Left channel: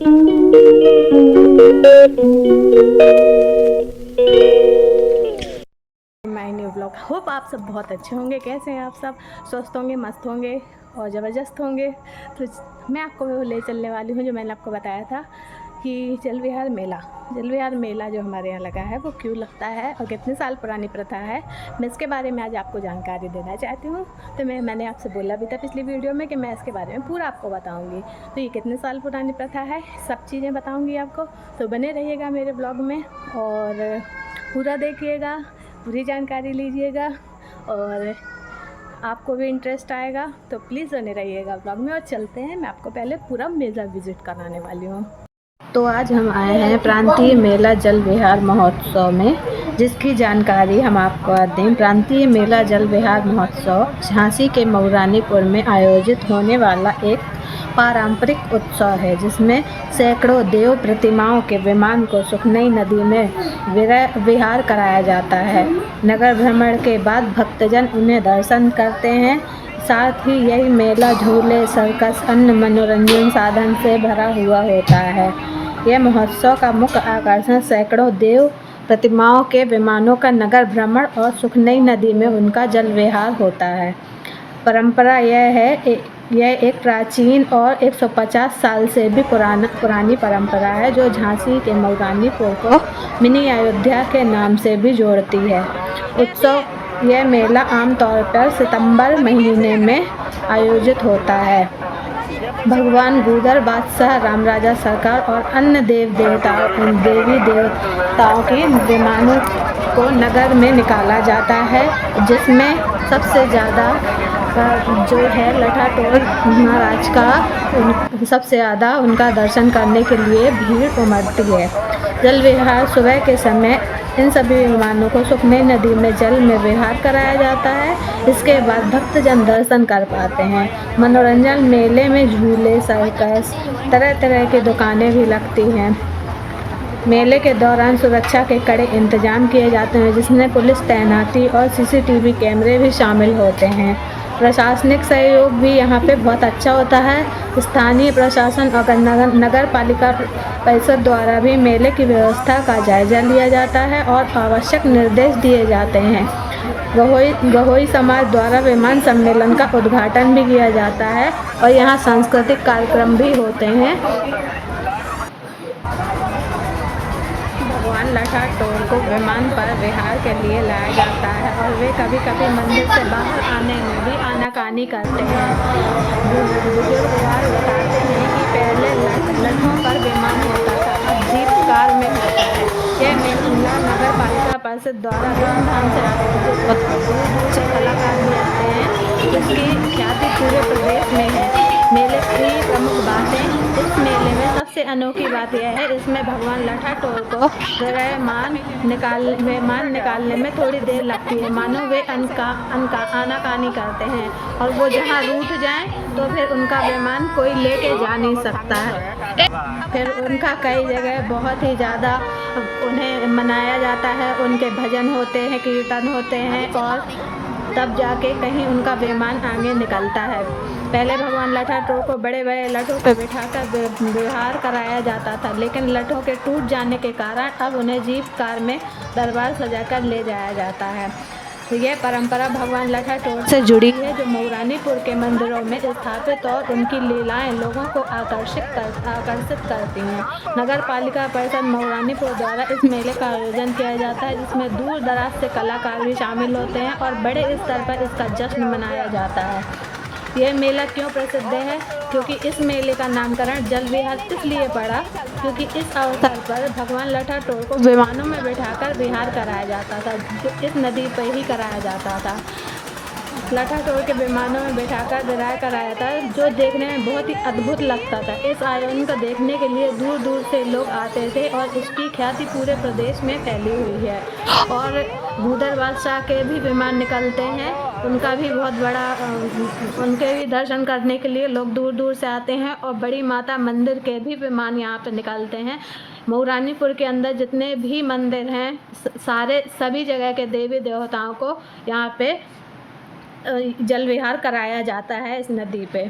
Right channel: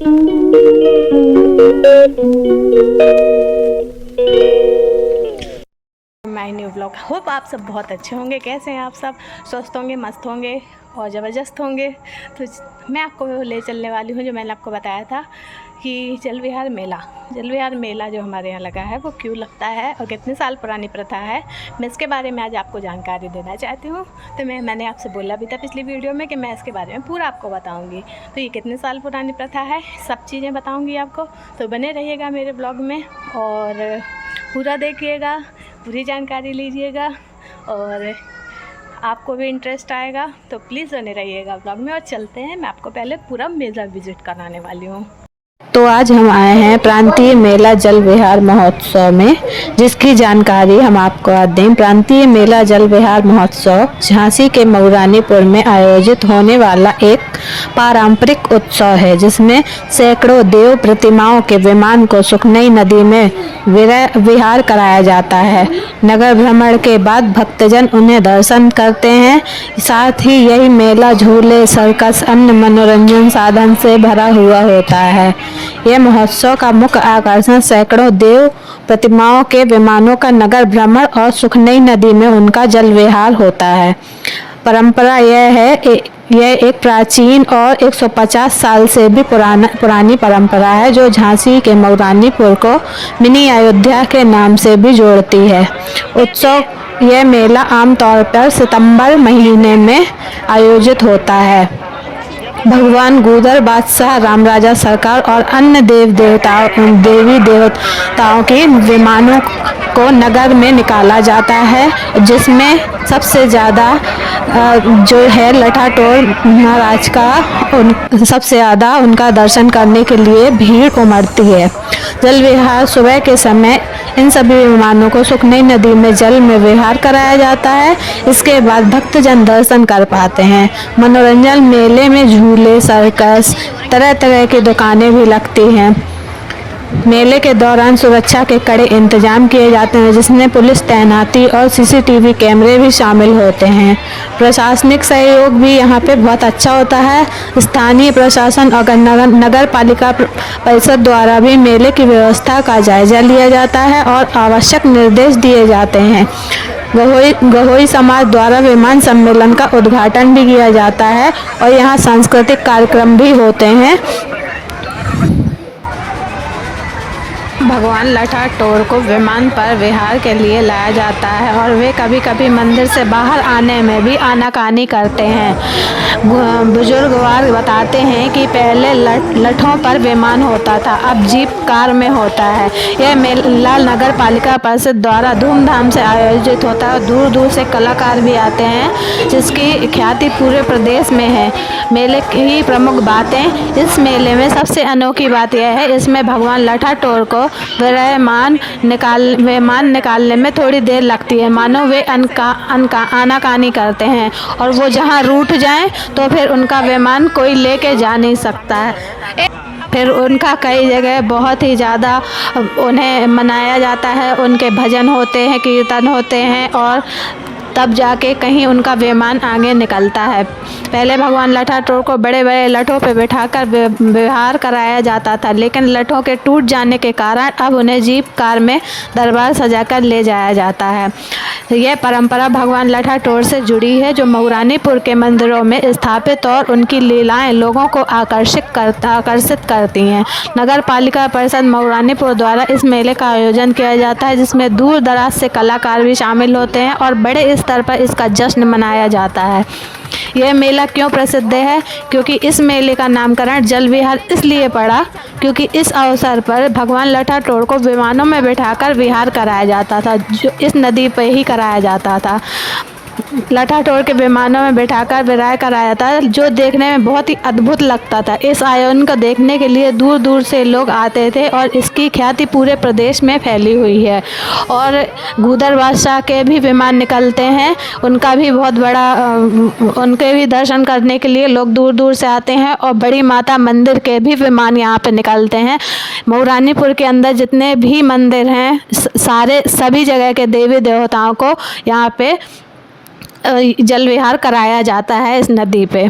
My new blog. Hope आप सब बहुत अच्छे होंगे। कैसे हैं आप सब? स्वस्थ होंगे, मस्त होंगे और ज़बरदस्त होंगे। तो मैं आपको ले चलने वाली हूँ, जो मैंने आपको बताया था कि जल विहार मेला जो हमारे यहाँ लगा है वो क्यों लगता है और कितने साल पुरानी प्रथा है, मैं इसके बारे में आज आपको जानकारी देना चाहती हूँ। तो मैंने आपसे बोला भी था पिछली वीडियो में कि मैं इसके बारे में पूरा आपको बताऊँगी। तो ये कितने साल पुरानी प्रथा है, सब चीज़ें बताऊँगी आपको। तो बने रहिएगा मेरे ब्लॉग में और पूरा देखिएगा, पूरी जानकारी लीजिएगा और आपको भी इंटरेस्ट आएगा। तो प्लीज़ बने रहिएगा ब्लॉग में। और चलते हैं, मैं आपको पहले पूरा मेला विजिट कराने वाली हूँ। तो आज हम आए हैं प्रांतीय मेला जल विहार महोत्सव में, जिसकी जानकारी हम आपको आज दें। प्रांतीय मेला जल विहार महोत्सव झांसी के मऊरानीपुर में आयोजित होने वाला एक पारंपरिक उत्सव है, जिसमें सैकड़ों देव प्रतिमाओं के विमान को सुखनई नदी में विहार कराया जाता है। नगर भ्रमण के बाद भक्तजन उन्हें दर्शन करते हैं। साथ ही यही मेला झूले, सर्कस, अन्य मनोरंजन साधन से भरा हुआ होता है। यह महोत्सव का मुख्य आकर्षण सैकड़ों देव प्रतिमाओं के विमानों का नगर भ्रमण और सुखनई नदी में उनका जल विहार होता है। परंपरा यह एक प्राचीन और 150 साल से भी पुरानी परंपरा है, जो झांसी के मऊरानीपुर को मिनी अयोध्या के नाम से भी जोड़ती है। यह मेला आमतौर पर सितंबर महीने में आयोजित होता है। भगवान गूदर बादशाह, रामराजा सरकार और अन्य देवी देवताओं के विमानों को नगर में निकाला जाता है, जिसमें सबसे ज़्यादा जो है लठाटोर महाराज का सबसे ज़्यादा उनका दर्शन करने के लिए भीड़ उमड़ती है। जल विहार सुबह के समय इन सभी विमानों को सुखनई नदी में जल में विहार कराया जाता है। इसके बाद भक्तजन दर्शन कर पाते हैं। मनोरंजन मेले में झूले, सर्कस, तरह तरह की दुकानें भी लगती हैं। मेले के दौरान सुरक्षा के कड़े इंतजाम किए जाते हैं, जिसमें पुलिस तैनाती और सीसीटीवी कैमरे भी शामिल होते हैं। प्रशासनिक सहयोग भी यहाँ पे बहुत अच्छा होता है। स्थानीय प्रशासन और नगर पालिका परिषद द्वारा भी मेले की व्यवस्था का जायजा लिया जाता है और आवश्यक निर्देश दिए जाते हैं। गहोई समाज द्वारा विमान सम्मेलन का उद्घाटन भी किया जाता है और यहाँ सांस्कृतिक कार्यक्रम भी होते हैं। भगवान लठाटोर को विमान पर विहार के लिए लाया जाता है और वे कभी कभी मंदिर से बाहर आने में भी आनाकानी करते हैं। बुजुर्गवार बताते हैं कि पहले लठों पर विमान होता था, अब जीप कार में होता है। यह मेला नगर पालिका परिषद द्वारा धूमधाम से आयोजित होता है। दूर दूर से कलाकार भी आते हैं, जिसकी ख्याति पूरे प्रदेश में है। मेले की प्रमुख बातें। इस मेले में सबसे अनोखी बात यह है, इसमें भगवान लठाटोर को विमान निकालने में थोड़ी देर लगती है, मानो वे आनाकानी करते हैं और वो जहां रूठ जाएं तो फिर उनका विमान कोई लेके जा नहीं सकता है। फिर उनका कई जगह बहुत ही ज़्यादा उन्हें मनाया जाता है। उनके भजन होते हैं, कीर्तन होते हैं और तब जाके कहीं उनका विमान आगे निकलता है। पहले भगवान लठाटोर को बड़े बड़े लठों पर बिठाकर विहार कराया जाता था, लेकिन लठों के टूट जाने के कारण अब उन्हें जीप कार में दरबार सजाकर ले जाया जाता है। यह परंपरा भगवान लठाटोर से जुड़ी है, जो मऊरानीपुर के मंदिरों में स्थापित और उनकी लीलाएं लोगों को आकर्षित करती हैं। नगर पालिका परिषद मऊरानीपुर द्वारा इस मेले का आयोजन किया जाता है, जिसमें दूर दराज से कलाकार भी शामिल होते हैं और बड़े स्तर पर इसका जश्न मनाया जाता है। यह मेला क्यों प्रसिद्ध है? क्योंकि इस मेले का नामकरण जल विहार इसलिए पड़ा क्योंकि इस अवसर पर भगवान लठाटोर को विमानों में बिठाकर विहार कराया जाता था, जो इस नदी पर ही कराया जाता था। लठाटोर के विमानों में बिठाकर विहार कराया था, जो देखने में बहुत ही अद्भुत लगता था। इस आयोजन को देखने के लिए दूर दूर से लोग आते थे और इसकी ख्याति पूरे प्रदेश में फैली हुई है। और गूदर बादशाह के भी विमान निकलते हैं, उनका भी बहुत बड़ा उनके भी दर्शन करने के लिए लोग दूर दूर से आते हैं। और बड़ी माता मंदिर के भी विमान यहाँ पे निकलते हैं। मऊरानीपुर के अंदर जितने भी मंदिर हैं, सभी जगह के देवी देवताओं को यहाँ पे जल विहार कराया जाता है इस नदी पे।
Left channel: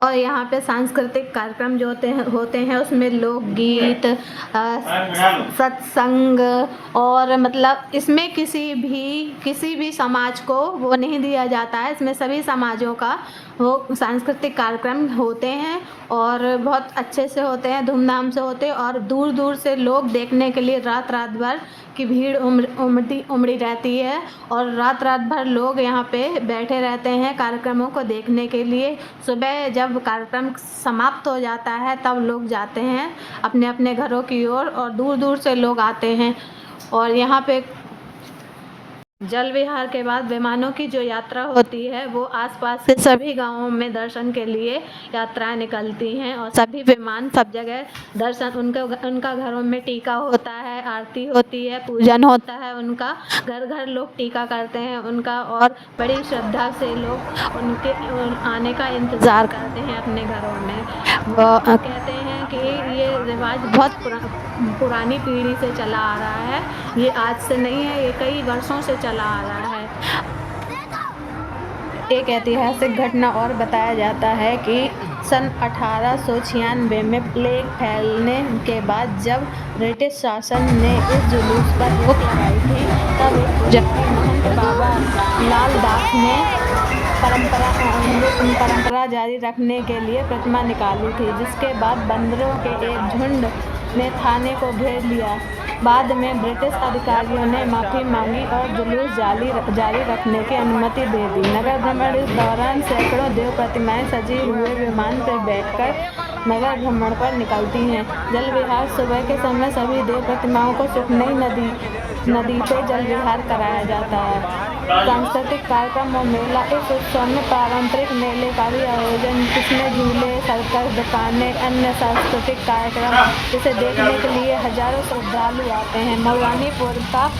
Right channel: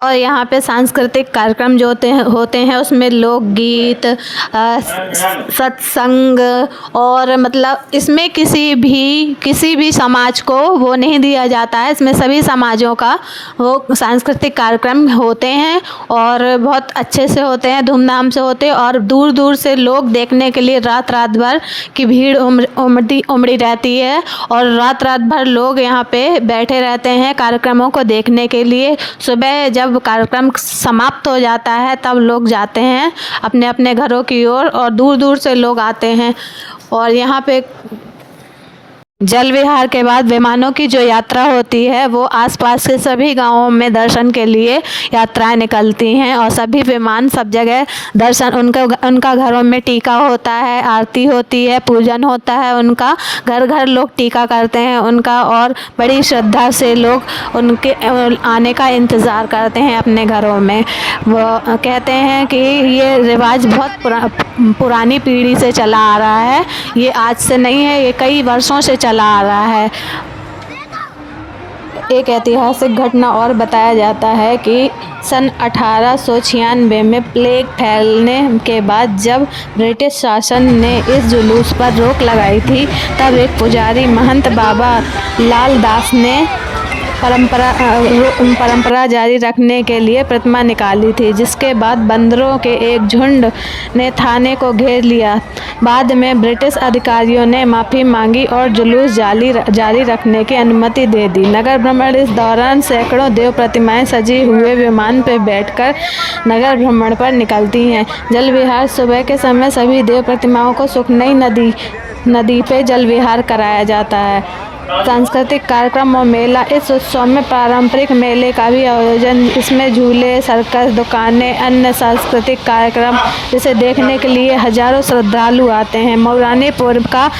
और यहाँ पे सांस्कृतिक कार्यक्रम जो होते हैं उसमें लोकगीत, सत्संग, और मतलब इसमें किसी भी समाज को वो नहीं दिया जाता है। इसमें सभी समाजों का वो सांस्कृतिक कार्यक्रम होते हैं और बहुत अच्छे से होते हैं, धूमधाम से होते हैं, और दूर दूर से लोग देखने के लिए रात भर की भीड़ उमड़ी रहती है और रात भर लोग यहाँ पे बैठे रहते हैं कार्यक्रमों को देखने के लिए। सुबह जब कार्यक्रम समाप्त हो जाता है तब लोग जाते हैं अपने अपने घरों की ओर और दूर दूर से लोग आते हैं। और यहाँ पे जल विहार के बाद विमानों की जो यात्रा होती है वो आसपास के सभी गांवों में दर्शन के लिए यात्राएं निकलती हैं और सभी विमान सब जगह दर्शन उनका घरों में टीका होता है, आरती होती है, पूजन होता है उनका, घर घर लोग टीका करते हैं उनका और बड़ी श्रद्धा से लोग उनके आने का इंतज़ार करते हैं अपने घरों में। वो कहते हैं कि ये रिवाज बहुत पुरानी पीढ़ी से चला आ रहा है, ये आज से नहीं है, ये कई वर्षों से चला आ रहा है। एक ऐतिहासिक घटना और बताया जाता है कि सन 1896 में प्लेग फैलने के बाद जब ब्रिटिश शासन ने इस जुलूस पर रोक लगाई थी तब एक पुजारी महंत बाबा लाल दास ने परंपरा जारी रखने के लिए प्रतिमा निकाली थी, जिसके बाद बंदरों के एक झुंड ने थाने को घेर लिया। बाद में ब्रिटिश अधिकारियों ने माफ़ी मांगी और जुलूस जारी रखने की अनुमति दे दी। नगर भ्रमण इस दौरान सैकड़ों देव प्रतिमाएं सजी हुए विमान पर बैठकर नगर भ्रमण पर निकलती हैं। जल विहार सुबह के समय सभी देव प्रतिमाओं को सुखनई नदी पे जल विहार कराया जाता है। सांस्कृतिक कार्यक्रम और मेला, इस उत्सव में पारंपरिक मेले का भी आयोजन, इसमें झूले, सर्कस, दुकानें, अन्य सांस्कृतिक कार्यक्रम जिसे देखने के लिए हजारों श्रद्धालु आते हैं। मऊरानी पूर्व का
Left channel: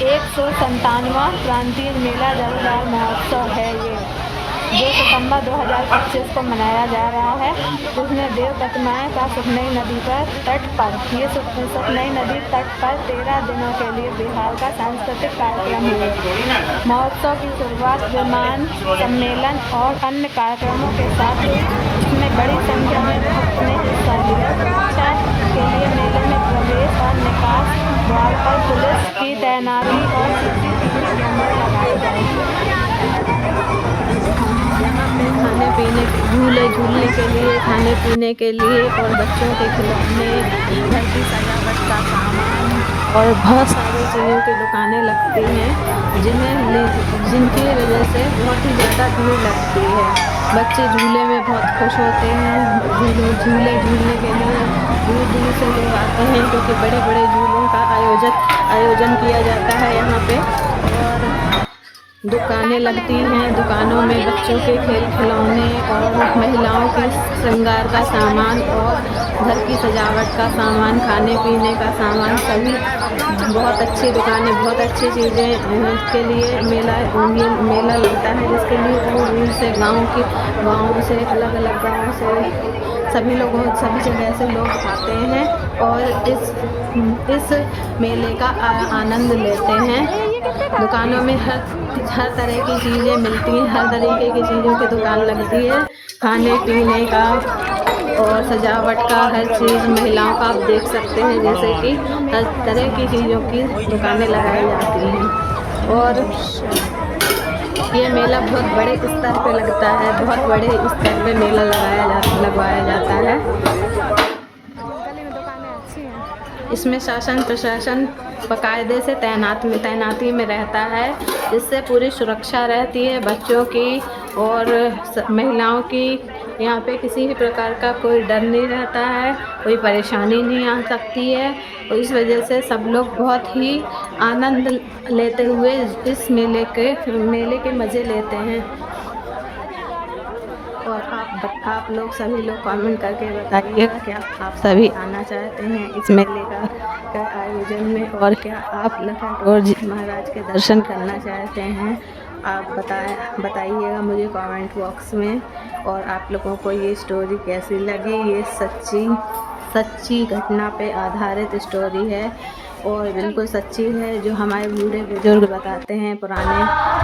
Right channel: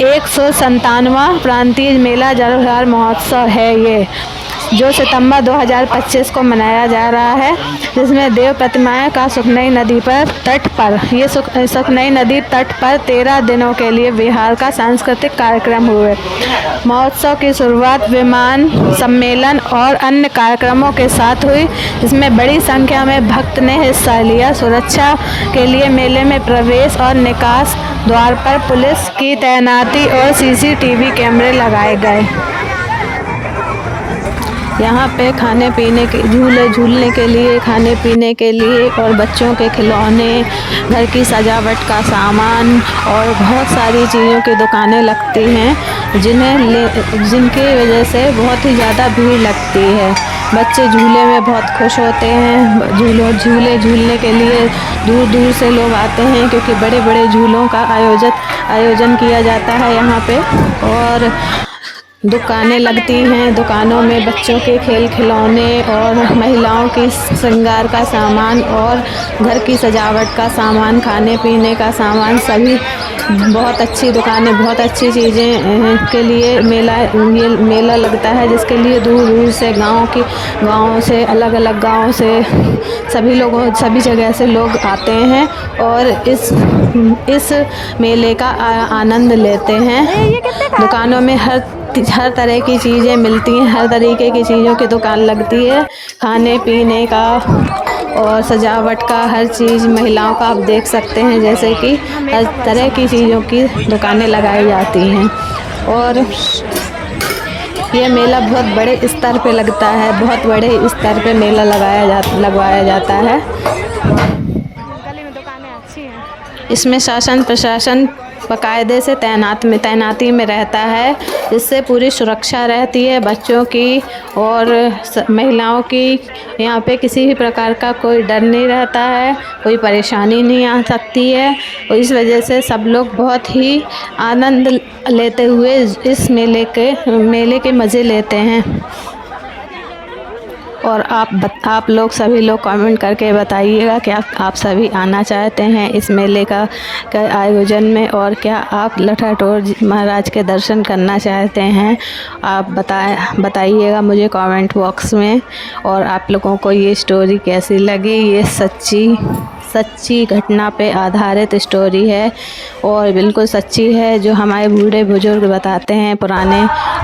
197वां प्रांतीय मेला जल विहार महोत्सव है ये, जो सितंबर 2025 को मनाया जा रहा है, जिसमें देव प्रतिमाएं का सुखनई नदी तट पर 13 दिनों के लिए विहार का सांस्कृतिक कार्यक्रम हुए। महोत्सव की शुरुआत विमान सम्मेलन और अन्य कार्यक्रमों के साथ हुई, जिसमें बड़ी संख्या में भक्त ने हिस्सा लिया। सुरक्षा के लिए मेले में प्रवेश और निकास द्वार पर पुलिस की तैनाती और CCTV कैमरे लगाए गए। यहाँ पे खाने पीने के झूलने के लिए, खाने पीने के लिए और बच्चों के खिलौने, घर की सजावट का सामान और बहुत सारी चीज़ों की दुकानें लगती हैं, जिनकी वजह से बहुत ही ज़्यादा भीड़ लगती है। बच्चे झूले में बहुत खुश होते हैं। झूले झूलने के लिए दूर दूर से लोग आते हैं क्योंकि बड़े बड़े झूलों का आयोजन किया जाता है यहाँ पे। और दुकानें लगती हैं, दुकानों में बच्चों के खिलौने और महिलाओं की श्रृंगार का सामान और घर की सजावट का सामान, खाने पीने का सामान, सभी बहुत अच्छी दुकानें, बहुत अच्छी चीज़ें के लिए मेला लगता है, जिसके लिए दूर दूर से गाँव से अलग अलग गाँव से सभी जगह से लोग आते हैं और इस मेले का आनंद लेते हैं। दुकानों में हर तरह की चीज़ें मिलती हैं, हर तरीके की चीज़ों की दुकान लगती है, खाने पीने का और सजावट का हर चीज़, महिलाओं का आप देख सकते हैं, जैसे कि हर तरह की चीज़ों की दुकानें लगाई जाती हैं। और यह मेला बहुत बड़े स्तर पे लगता है, बहुत बड़े स्तर पे मेला लगवाया जाता है। गली में दुकानें अच्छी हैं। इसमें शासन प्रशासन बाकायदे से तैनाती में रहता है, जिससे पूरी सुरक्षा रहती है बच्चों की और महिलाओं की। यहाँ पे किसी भी प्रकार का कोई डर नहीं रहता है, कोई परेशानी नहीं आ सकती है और इस वजह से सब लोग बहुत ही आनंद लेते हुए इस मेले के मज़े लेते हैं। और आप लोग सभी लोग कमेंट करके बताइएगा कि आप सभी आना चाहते हैं इस मेले का आयोजन में, और क्या आप लठाठौर महाराज के दर्शन करना चाहते हैं। आप बताइएगा मुझे कमेंट बॉक्स में। और आप लोगों को ये स्टोरी कैसी लगी। ये सच्ची घटना पे आधारित स्टोरी है और बिल्कुल सच्ची है, जो हमारे बूढ़े बुजुर्ग बताते हैं, पुराने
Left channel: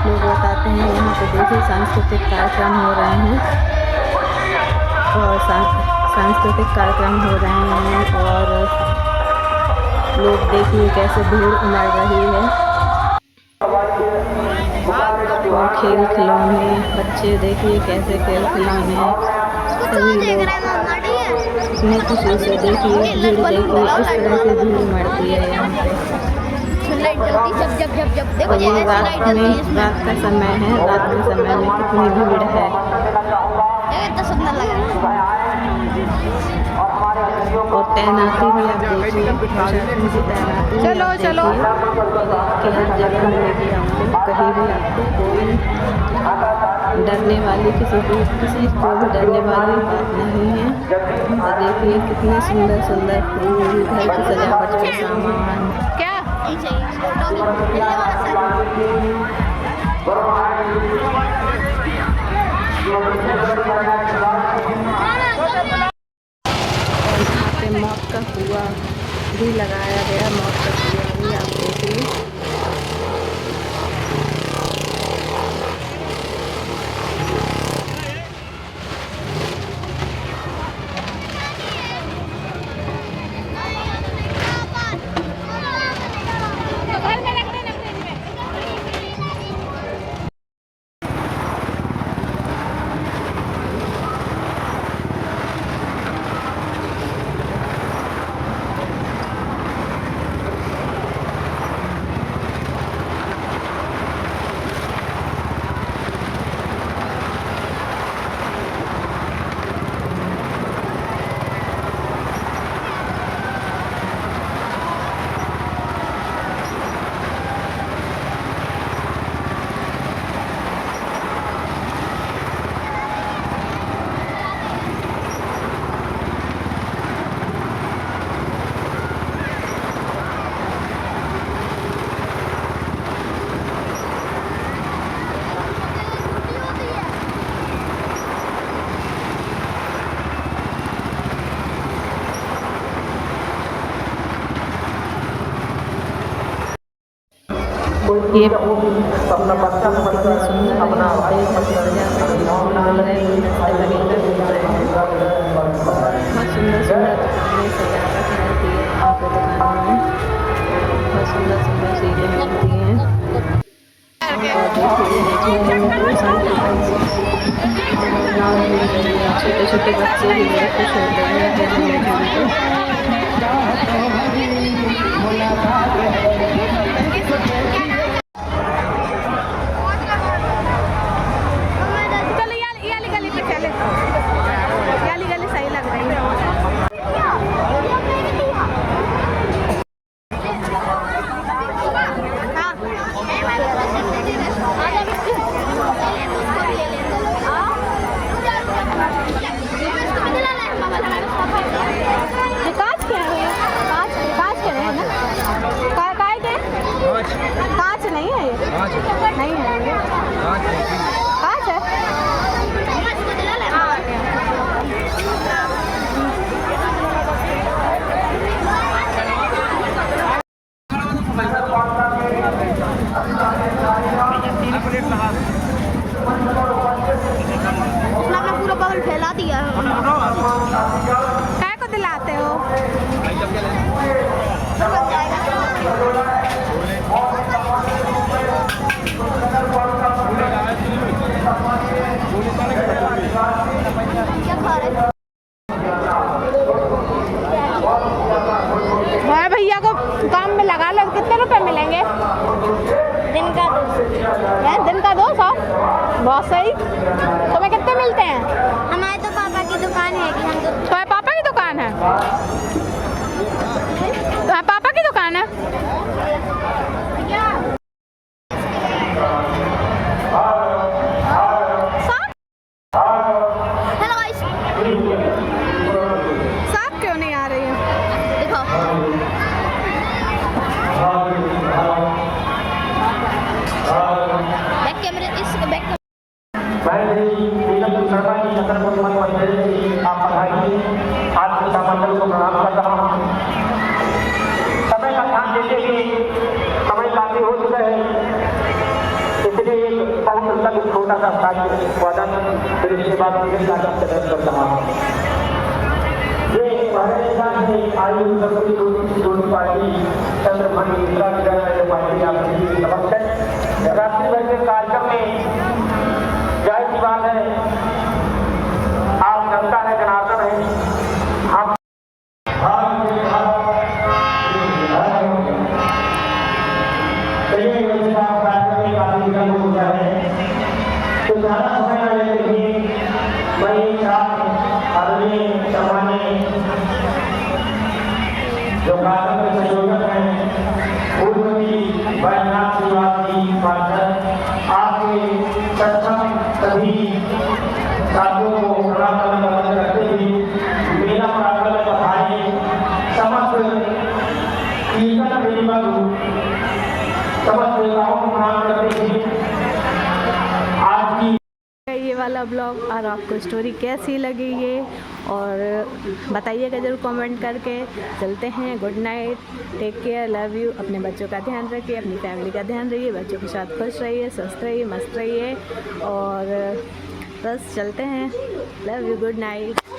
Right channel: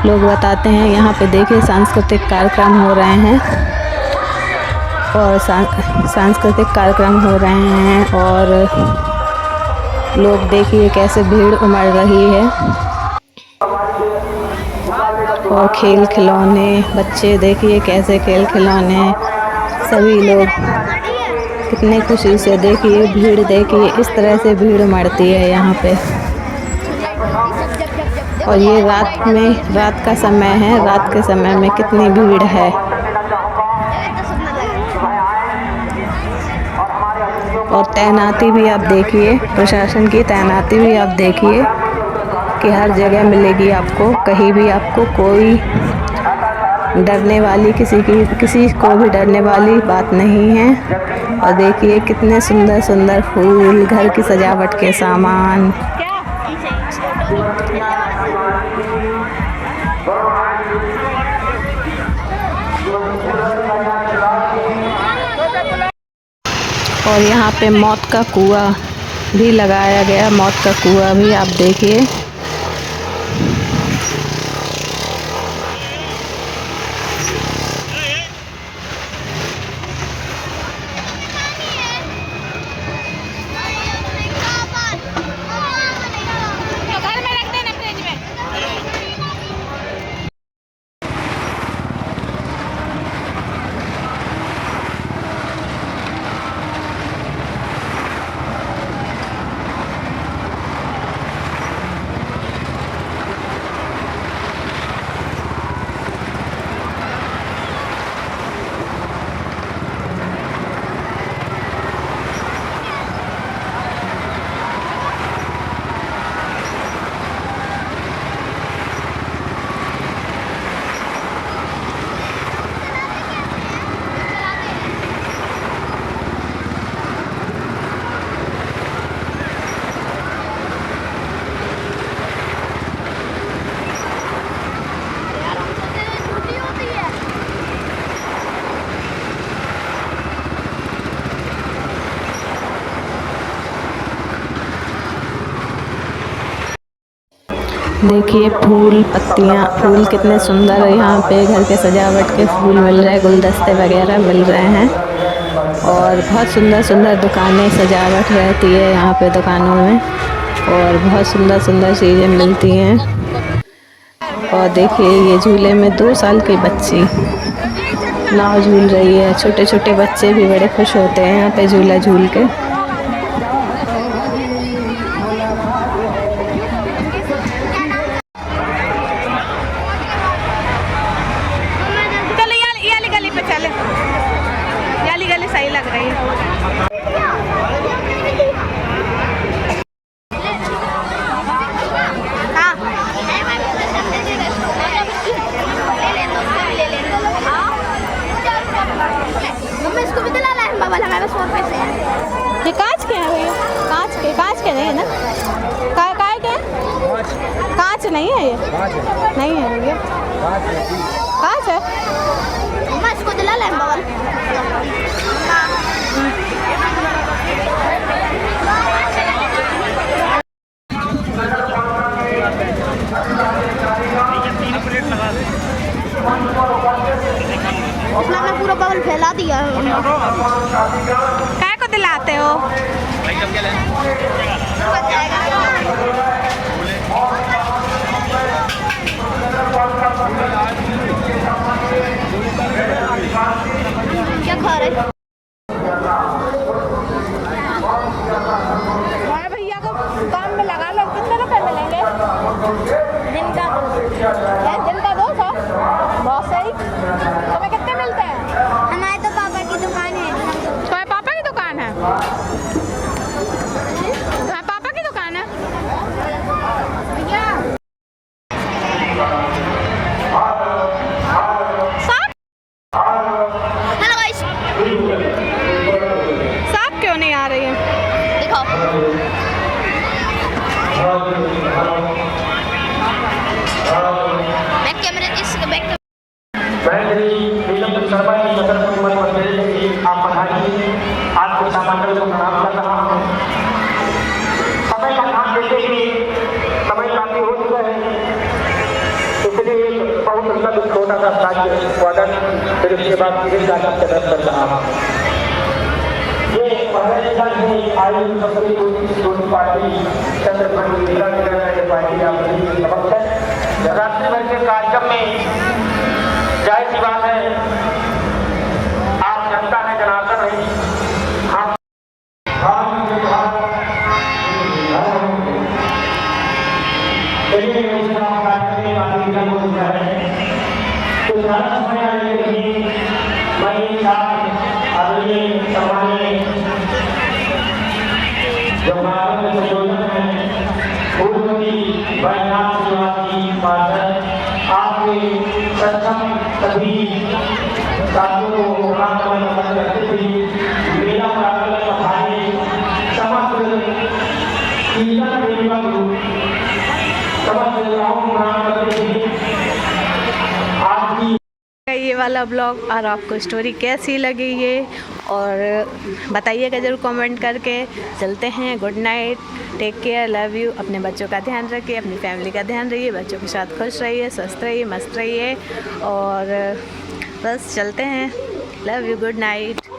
लोग बताते हैं। यहाँ पे देखिए सांस्कृतिक कार्यक्रम हो रहे हैं। और सांस्कृतिक कार्यक्रम हो रहे हैं और लोग देखिए कैसे भीड़ उमड़ रही है। और खेल खिलौने, बच्चे देखिए कैसे खेल खिलौने, सभी लोग कितने खुशी से देखिए भीड़, देखिए इस तरह से भीड़ उमड़ती है यहाँ पे। और ये रात का समय है, रात के समय में कितनी भीड़ है। और तैनाती भी आप देखिए, प्रशासन की तैनाती भी आप देखिए कि हर जगह मिलेगी आपको, कहीं भी आपको कोई डरने वाली किसी को भी डरने वाली बात नहीं है। और देखिए कितने सुंदर सुंदर फूल, घर की सजावट के सामान। क्या और यहाँ पे मौत का कुआं भी लगाया गया, मौत का कुआं भी आप देखिए। देखिए फूल, पत्तियाँ, फूल कितने सुंदर है। यहाँ पे घर के सजावट के फूल मिल रहे हैं, गुलदस्ते वगैरह मिल रहे हैं। और बहुत सुंदर सुंदर दुकानें, सजावट रहती है यहाँ पे दुकानों में, और बहुत सुंदर सुंदर चीज़ें मिलती हैं। और देखिए ये झूले में 2 साल की बच्ची नाव झूल रही है। छोटे छोटे बच्चे भी बड़े खुश होते हैं यहाँ पे झूला झूल के। सही लग रही है। ये कांच के है भैया, कांच के नहीं है ना? काय के? कांच नहीं है ये? नहीं है भैया, कांच है। उसने पूरा बगल फैला दिया है। काय को दिलाते हो? क्या खा रहे? मैं भैया को काम में लगा लो, कितने रुपए मिलेंगे? दिन का 200? बहुत सही। तुम्हें कितने मिलते हैं? हमारे तो पापा की दुकान है। तुम्हारे पापा की दुकान है? तुम्हारे पापा की दुकान है? साफ क्यों नहीं आ रही है? देखो बैक कैमरे, इस बैक समय काफी हो चुका है, इसलिए एक बहुत छोटा सा जिसके बाद फिर जाकर कदम करता हूं। ये पहले साल में आई यूनिवर्सिटी दोनों पार्टी चंद्रभंग जिला के ये पार्टी आपकी समक्ष है। रात्रि भर के कार्यक्रम में जाहिर सी बात है आप जनता है जनार्दन है हम ये वाला ब्लॉग और आपको स्टोरी कैसी लगी ये और बताइएगा ज़रूर कमेंट करके। चलते हैं, good night, take care, love you. अपने बच्चों का ध्यान रखिए, अपनी फैमिली का ध्यान रखिए, बच्चों के साथ खुश रहिए, स्वस्थ रहिए, मस्त रहिए और बस चलते हैं। Love you, good night.